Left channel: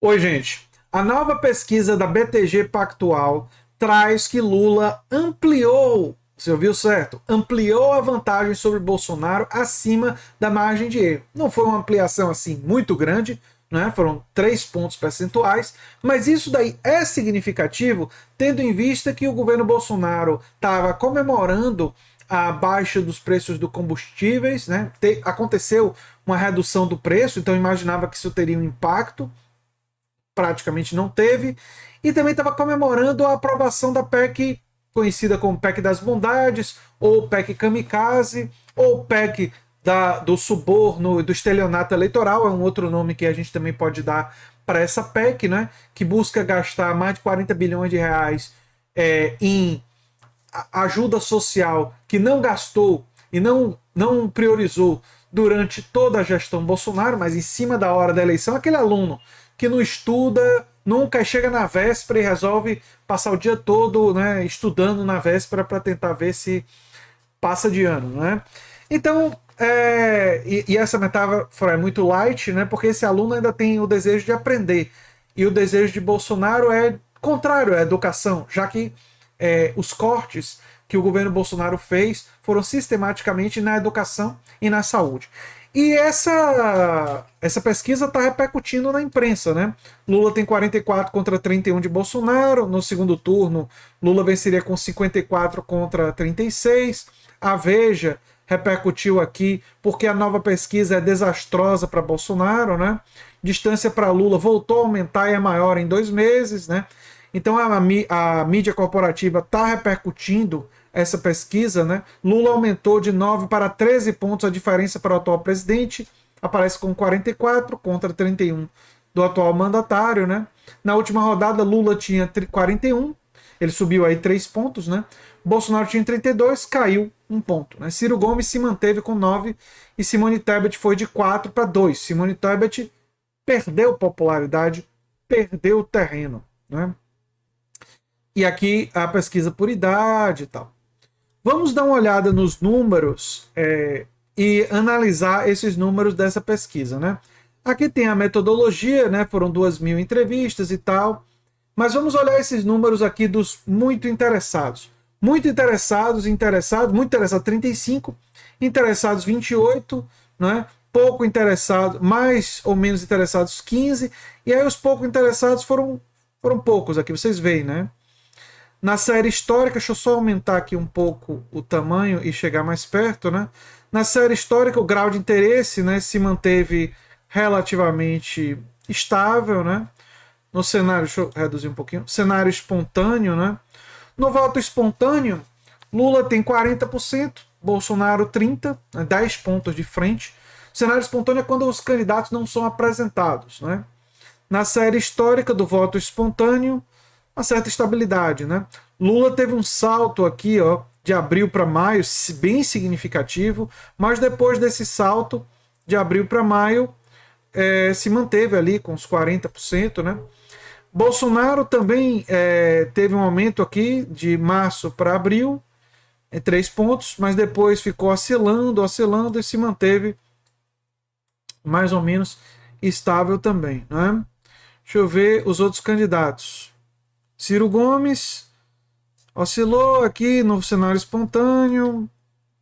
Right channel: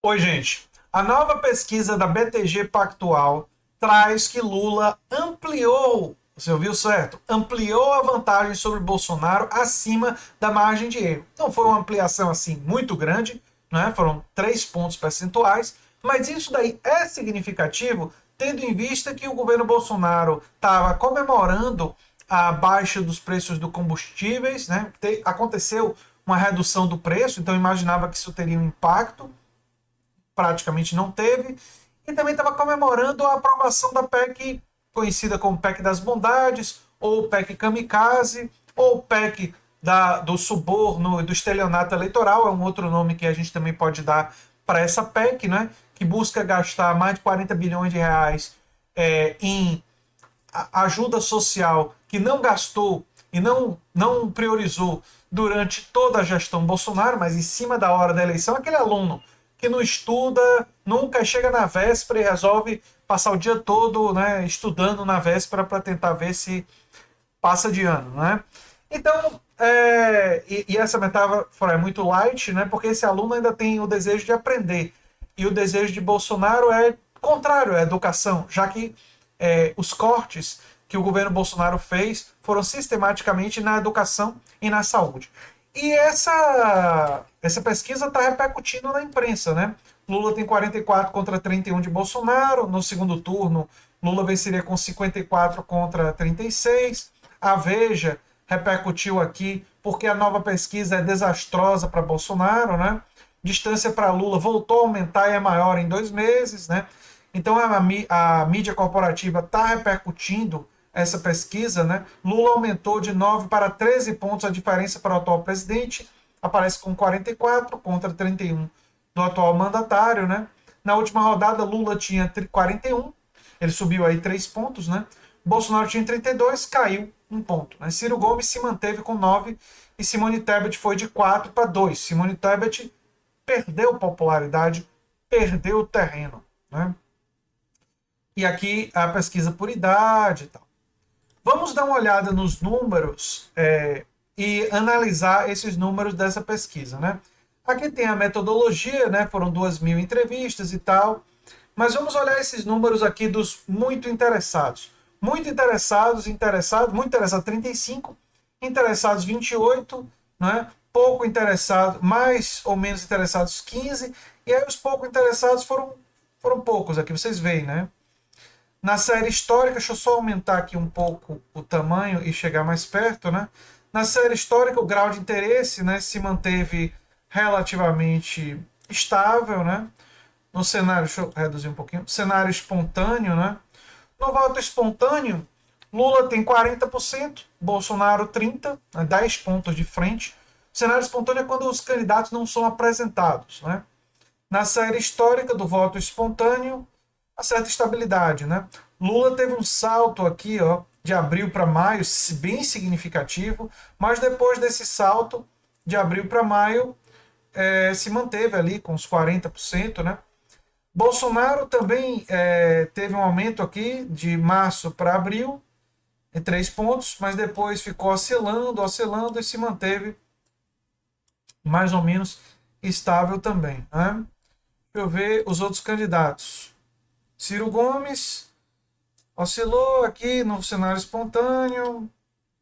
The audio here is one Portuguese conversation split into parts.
Oi, gente. A nova pesquisa da BTG Pactual traz que Lula ampliou, você ouviu certo? Ampliou a vantagem sobre Bolsonaro acima da margem de erro. Não foi uma ampliação assim muito grande, né? Foram 3 pontos percentuais, mas isso daí é significativo, tendo em vista que o governo Bolsonaro estava comemorando a baixa dos preços dos combustíveis, né? Aconteceu uma redução do preço, então imaginava que isso teria um impacto, praticamente não teve, e também estava comemorando a aprovação da PEC, conhecida como PEC das Bondades, ou PEC Kamikaze, ou PEC do suborno e do estelionato eleitoral, é um outro nome que a gente também pode dar para essa PEC, né, que busca gastar mais de 40 bilhões de reais em ajuda social que não gastou e não priorizou durante toda a gestão Bolsonaro, mas em cima da hora da eleição, aquele aluno que não estuda, nunca chega na véspera e resolve passar o dia todo, né, estudando na véspera para tentar ver se passa de ano, né? Então, e essa metáfora é muito light, né? Porque esse aluno ainda tem o desejo de aprender. E o desejo de Bolsonaro é contrário à educação, já que os cortes que o governo Bolsonaro fez foram sistematicamente na educação e na saúde. E essa pesquisa está repercutindo na imprensa, né? Lula tem 44 contra 31 de Bolsonaro. No segundo turno, Lula venceria com 54 contra 36. A Veja repercutiu aqui porque a nova pesquisa é desastrosa para Bolsonaro, né? Distância para Lula voltou a aumentar e é maior em 2 meses, né? Então a mídia corporativa está repercutindo essa pesquisa, né? Lula aumentou de 9 para 13 pontos a diferença para o atual presidente, aparece com 44 contra 31 do atual mandatário, né? Na última rodada, Lula tinha 41, ele subiu aí 3 pontos, né? Bolsonaro tinha 32, caiu 1 ponto. Né? Ciro Gomes se manteve com 9 e Simone Tebet foi de 4 para 2. Simone Tebet perdeu popularidade, perdeu o terreno, né? E aqui a pesquisa por idade e tal. Vamos dar uma olhada nos números e analisar esses números dessa pesquisa, né? Aqui tem a metodologia, né? Foram 2.000 entrevistas e tal. Mas vamos olhar esses números aqui dos muito interessados. Muito interessados 35, interessados 28, né? Pouco interessados, mais ou menos interessados 15, e aí os pouco interessados foram poucos aqui, vocês veem, né? Na série histórica, deixa eu só aumentar aqui um pouco o tamanho e chegar mais perto, né? Na série histórica, o grau de interesse, né, se manteve relativamente estável, né? No cenário, deixa eu reduzir um pouquinho, cenário espontâneo, né? No voto espontâneo, Lula tem 40%, Bolsonaro 30%, né, 10 pontos de frente. Cenário espontâneo é quando os candidatos não são apresentados, né? Na série histórica do voto espontâneo, uma certa estabilidade, né? Lula teve um salto aqui, ó, de abril para maio, bem significativo, mas depois desse salto de abril para maio, se manteve ali com uns 40%, né? Bolsonaro também teve um aumento aqui de março para abril, em 3 pontos, mas depois ficou oscilando e se manteve mais ou menos estável também, né? Deixa eu ver os outros candidatos. Ciro Gomes oscilou aqui no cenário espontâneo,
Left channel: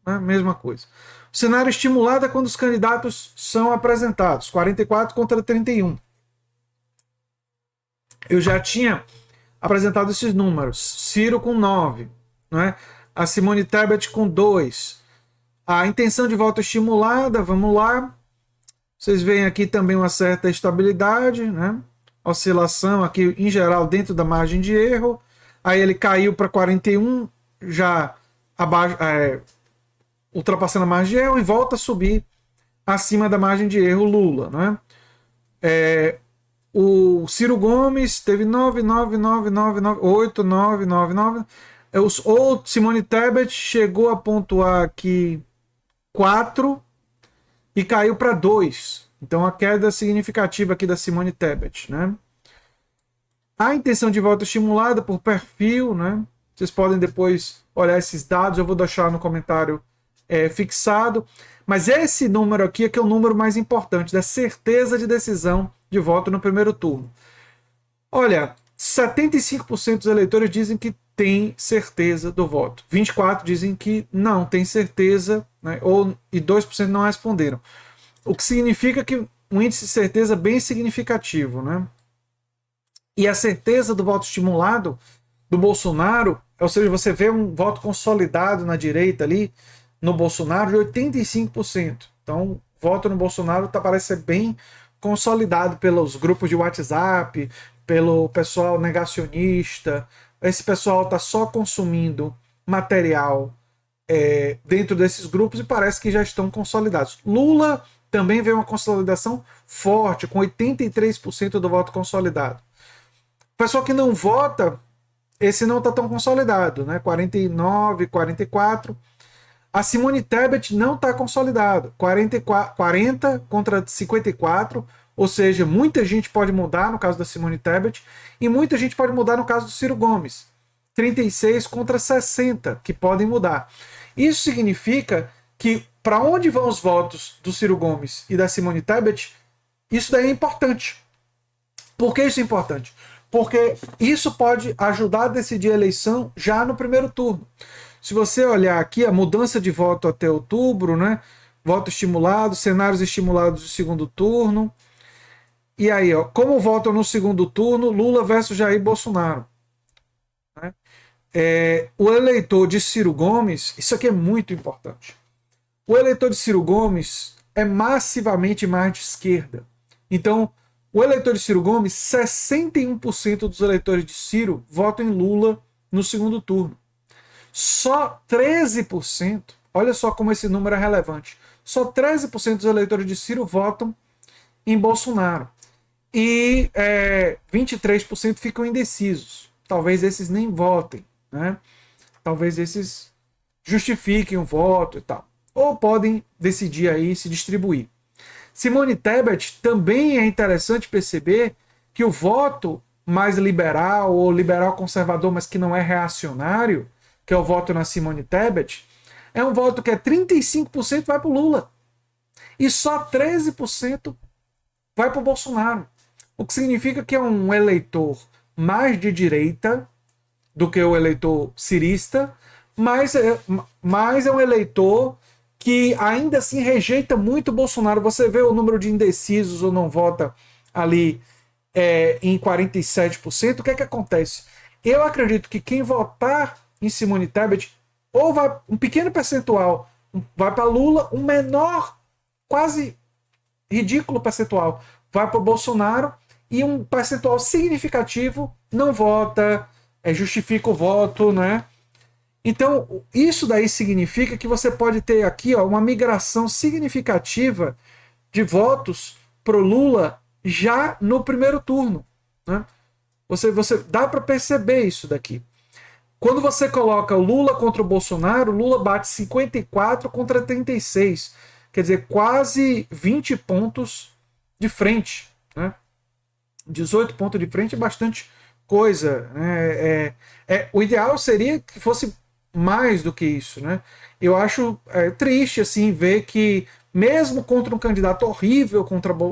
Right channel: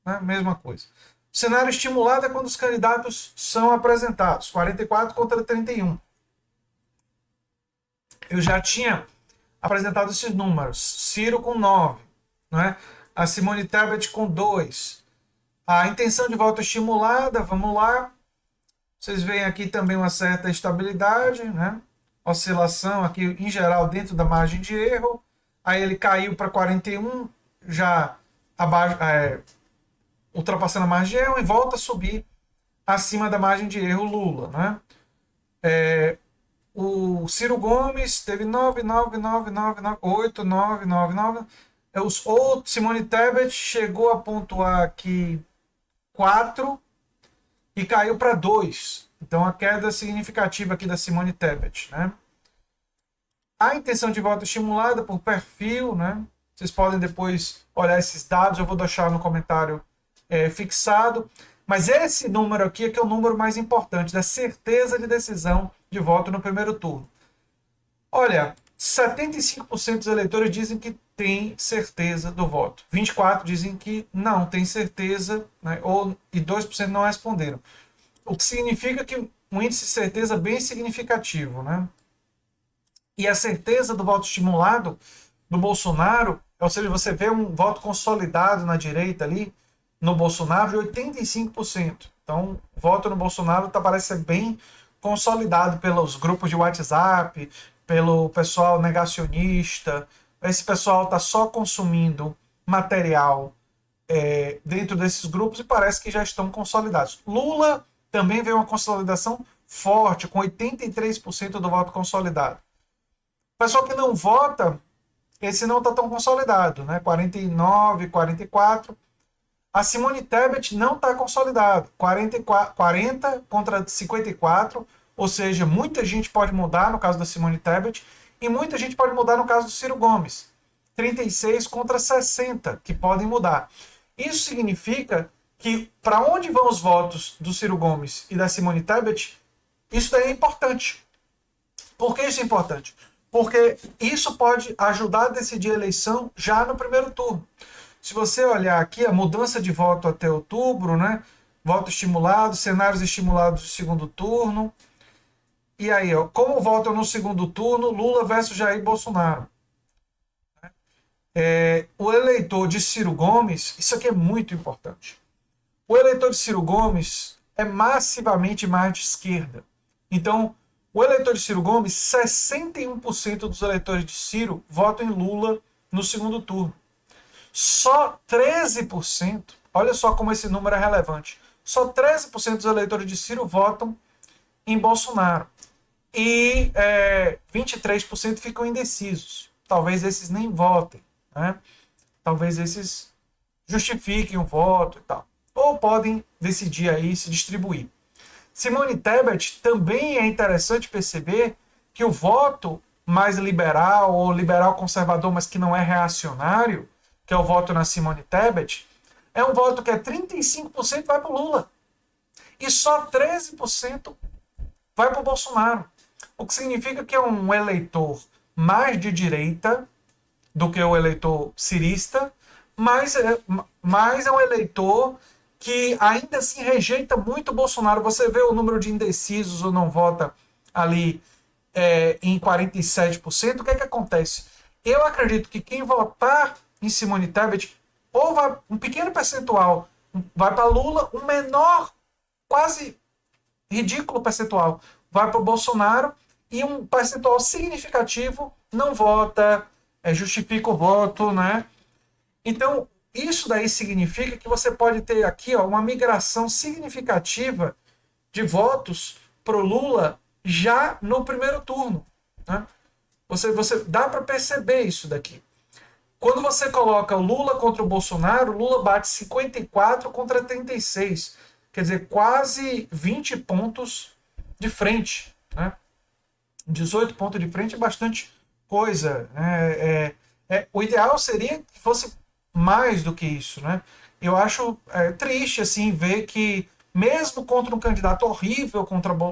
né? Mesma coisa. O cenário estimulado é quando os candidatos são apresentados, 44 contra 31. Eu já tinha apresentado esses números. Ciro com 9, né? A Simone Tebet com 2. A intenção de voto estimulada, vamos lá. Vocês veem aqui também uma certa estabilidade, né? Oscilação aqui em geral dentro da margem de erro. Aí ele caiu para 41, já abaixo, ultrapassando a margem de erro e volta a subir acima da margem de erro Lula, né? O Ciro Gomes teve 9, 9, 9, 9, 9, 8, 9, 9, 9. O Simone Tebet chegou a pontuar aqui 4 e caiu para 2. Então a queda significativa aqui da Simone Tebet, né? A intenção de voto estimulada por perfil, né? Vocês podem depois olhar esses dados, eu vou deixar no comentário fixado. Mas esse número aqui é que é o número mais importante, da certeza de decisão de voto no primeiro turno. Olha, 75% dos eleitores dizem que tem certeza do voto. 24% dizem que não tem certeza, né? E 2% não responderam. O que significa que um índice de certeza bem significativo, né? E a certeza do voto estimulado do Bolsonaro, ou seja, você vê um voto consolidado na direita ali, no Bolsonaro, de 85%. Então, o voto no Bolsonaro parece ser bem consolidado pelos grupos de WhatsApp, pelo pessoal negacionista. Esse pessoal está só consumindo material dentro desses grupos e parece que já estão consolidados. Lula também vê uma consolidação forte, com 83% do voto consolidado. O pessoal que não vota, esse não está tão consolidado, né? 49, 44. A Simone Tebet não está consolidada. 40 contra 54, ou seja, muita gente pode mudar no caso da Simone Tebet e muita gente pode mudar no caso do Ciro Gomes. 36 contra 60, que podem mudar. Isso significa que para onde vão os votos do Ciro Gomes e da Simone Tebet, isso daí é importante. Por que isso é importante? Porque isso pode ajudar a decidir a eleição já no primeiro turno. Se você olhar aqui, a mudança de voto até outubro, né? Voto estimulado, cenários estimulados do segundo turno. E aí, ó, como votam no segundo turno, Lula versus Jair Bolsonaro. Né? O eleitor de Ciro Gomes, isso aqui é muito importante. O eleitor de Ciro Gomes é massivamente mais de esquerda. Então, o eleitor de Ciro Gomes, 61% dos eleitores de Ciro votam em Lula no segundo turno. Só 13%, olha só como esse número é relevante, só 13% dos eleitores de Ciro votam em Bolsonaro. E 23% ficam indecisos. Talvez esses nem votem, né? Talvez esses justifiquem o voto e tal. Ou podem decidir aí se distribuir. Simone Tebet também é interessante perceber que o voto mais liberal ou liberal conservador, mas que não é reacionário, que é o voto na Simone Tebet, é um voto que 35% vai para o Lula. E só 13% vai para o Bolsonaro. O que significa que é um eleitor mais de direita do que o eleitor cirista, mas é um eleitor que ainda assim rejeita muito o Bolsonaro. Você vê o número de indecisos ou não vota ali em 47%. O que é que acontece? Eu acredito que quem votar em Simone Tebet, ou vai, um pequeno percentual vai para Lula, um menor, quase ridículo percentual vai para o Bolsonaro e um percentual significativo não vota, justifica o voto, né? Então, isso daí significa que você pode ter aqui uma migração significativa de votos para o Lula já no primeiro turno. Né? Você dá para perceber isso daqui. Quando você coloca o Lula contra o Bolsonaro, o Lula bate 54 contra 36. Quer dizer, quase 20 pontos de frente. Né? 18 pontos de frente é bastante coisa. O ideal seria que fosse mais do que isso. Né? Eu acho triste assim ver que, mesmo contra um candidato horrível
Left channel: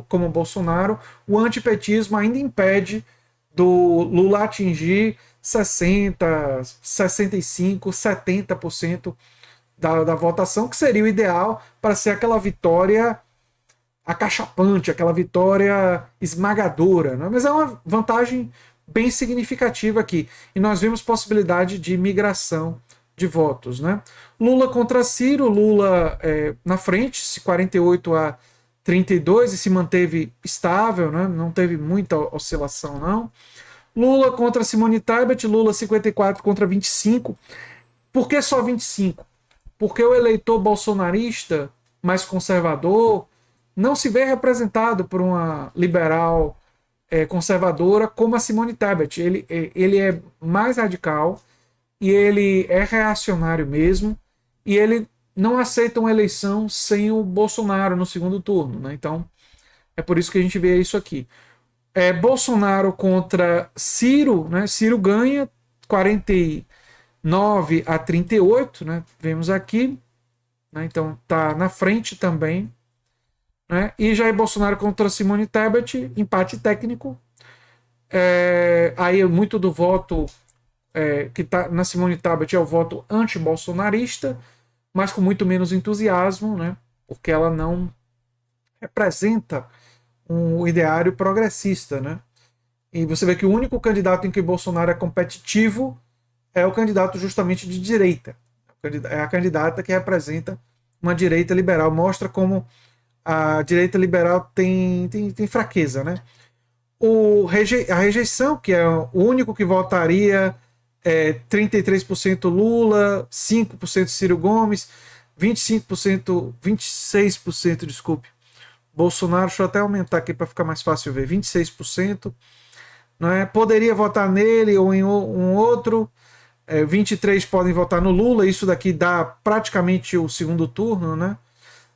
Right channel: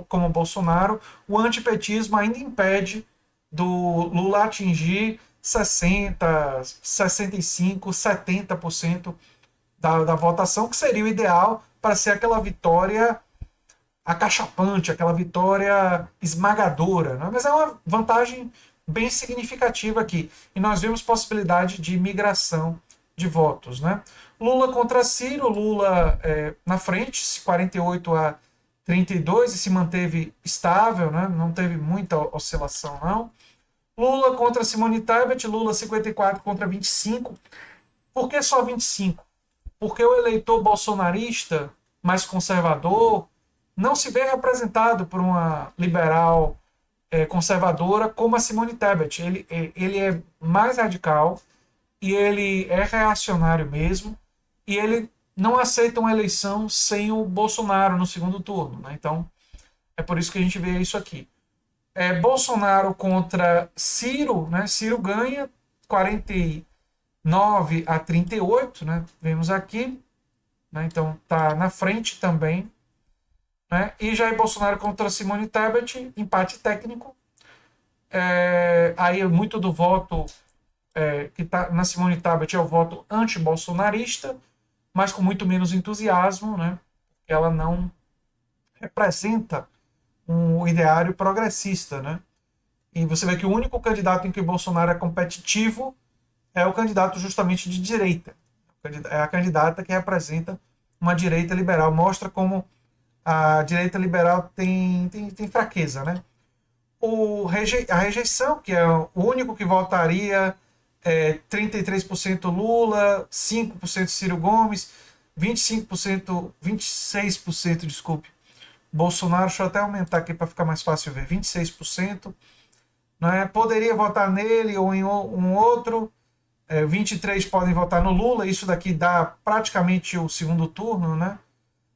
como Bolsonaro, o antipetismo ainda impede do Lula atingir 60, 65, 70% da votação, que seria o ideal para ser aquela vitória acachapante, aquela vitória esmagadora. Né? Mas é uma vantagem bem significativa aqui. E nós vimos possibilidade de migração de votos. Né? Lula contra Ciro, Lula na frente, 48-32, e se manteve estável, né? Não teve muita oscilação, não. Lula contra Simone Tebet, Lula 54 contra 25. Por que só 25? Porque o eleitor bolsonarista mais conservador não se vê representado por uma liberal conservadora como a Simone Tebet. Ele é mais radical e ele é reacionário mesmo, e ele não aceita uma eleição sem o Bolsonaro no segundo turno. Né? Então, é por isso que a gente vê isso aqui. Bolsonaro contra Ciro, né? Ciro ganha 49-38, né? Vemos aqui, né? Então tá na frente também, né? E Jair Bolsonaro contra Simone Tebet, empate técnico. Aí muito do voto que está na Simone Tebet é o voto anti-bolsonarista, mas com muito menos entusiasmo, né? Porque ela não representa um ideário progressista, né? E você vê que o único candidato em que Bolsonaro é competitivo é o candidato justamente de direita. É a candidata que representa uma direita liberal. Mostra como a direita liberal tem fraqueza, né? A rejeição, que é o único que votaria, 33% Lula, 5% Ciro Gomes, 25%, 26%, desculpe, Bolsonaro. Deixa eu até aumentar aqui para ficar mais fácil ver, 26%. Né? Poderia votar nele ou em um outro. 23 podem votar no Lula, isso daqui dá praticamente o segundo turno, né?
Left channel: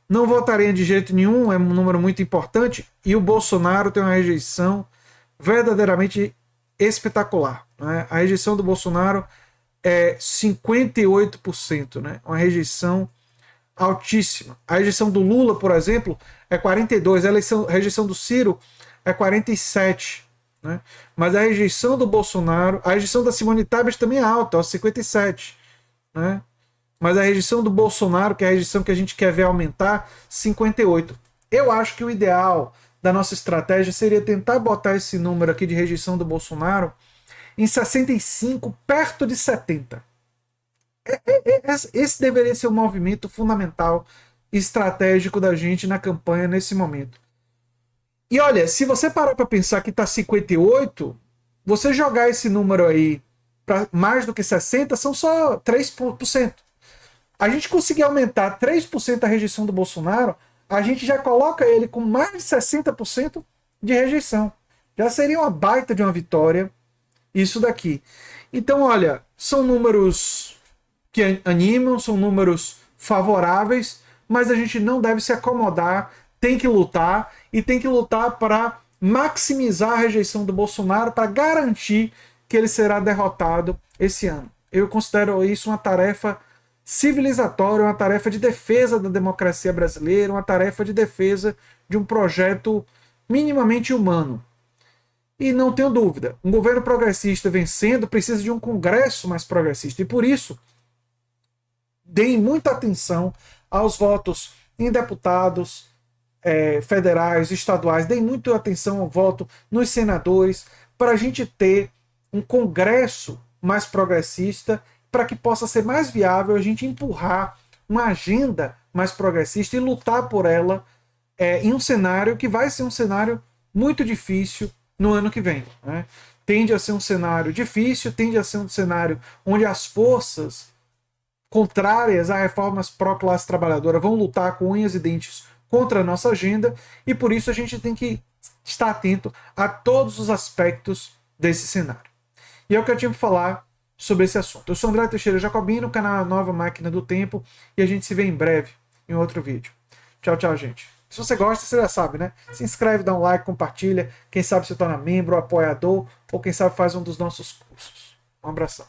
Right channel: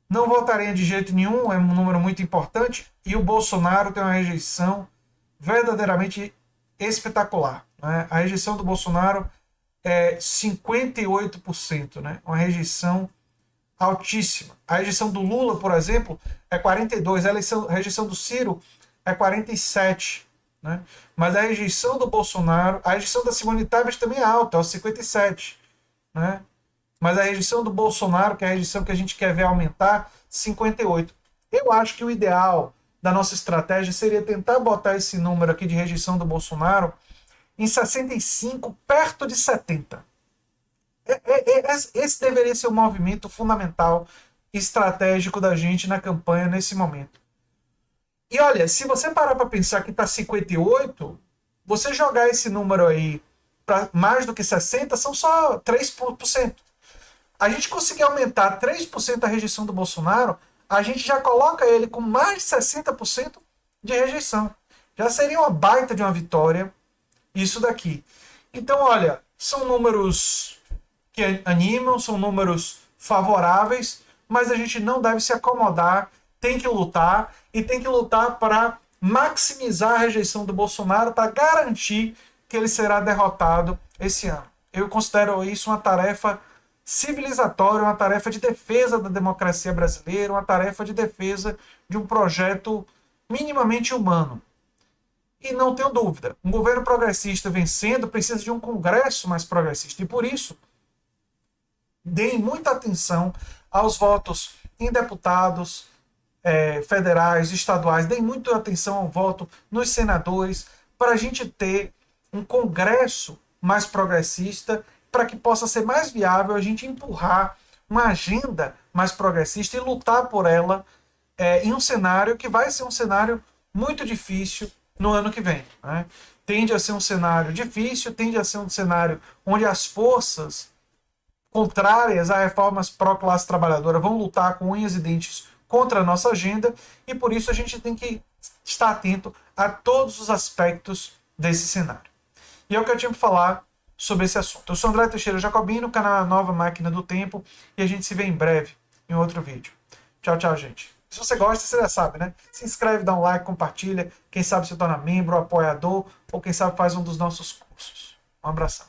Não votaria de jeito nenhum, é um número muito importante, e o Bolsonaro tem uma rejeição verdadeiramente espetacular. Né? A rejeição do Bolsonaro é 58%, né? Uma rejeição altíssima. A rejeição do Lula, por exemplo, é 42%, a rejeição do Ciro é 47%. Né? Mas a rejeição do Bolsonaro, a rejeição da Simone Tebet também é alta, 57%. Né? Mas a rejeição do Bolsonaro, que é a rejeição que a gente quer ver aumentar, 58%. Eu acho que o ideal da nossa estratégia seria tentar botar esse número aqui de rejeição do Bolsonaro em 65%, perto de 70%. Esse deveria ser o movimento fundamental estratégico da gente na campanha nesse momento. E olha, se você parar para pensar que está 58, você jogar esse número aí para mais do que 60, são só 3%. A gente conseguir aumentar 3% a rejeição do Bolsonaro, a gente já coloca ele com mais de 60% de rejeição. Já seria uma baita de uma vitória isso daqui. Então, olha, são números que animam, são números favoráveis, mas a gente não deve se acomodar, tem que lutar, e tem que lutar para maximizar a rejeição do Bolsonaro, para garantir que ele será derrotado esse ano. Eu considero isso uma tarefa civilizatória, uma tarefa de defesa da democracia brasileira, uma tarefa de defesa de um projeto minimamente humano. E não tenho dúvida, um governo progressista vencendo precisa de um Congresso mais progressista. E por isso, deem muita atenção aos votos em deputados federais, estaduais, deem muita atenção ao voto nos senadores, para a gente ter um Congresso mais progressista, para que possa ser mais viável a gente empurrar uma agenda mais progressista e lutar por ela em um cenário que vai ser um cenário muito difícil no ano que vem. Né? Tende a ser um cenário difícil, tende a ser um cenário onde as forças contrárias a reformas pró-classe trabalhadora vão lutar com unhas e dentes contra a nossa agenda, e por isso a gente tem que estar atento a todos os aspectos desse cenário. E é o que eu tinha para falar sobre esse assunto. Eu sou André Teixeira Jacobino, canal Nova Máquina do Tempo, e a gente se vê em breve em outro vídeo. Tchau, tchau, gente. Se você gosta, você já sabe, né? Se inscreve, dá um like, compartilha. Quem sabe se torna membro, apoiador, ou quem sabe faz um dos nossos cursos. Um abração.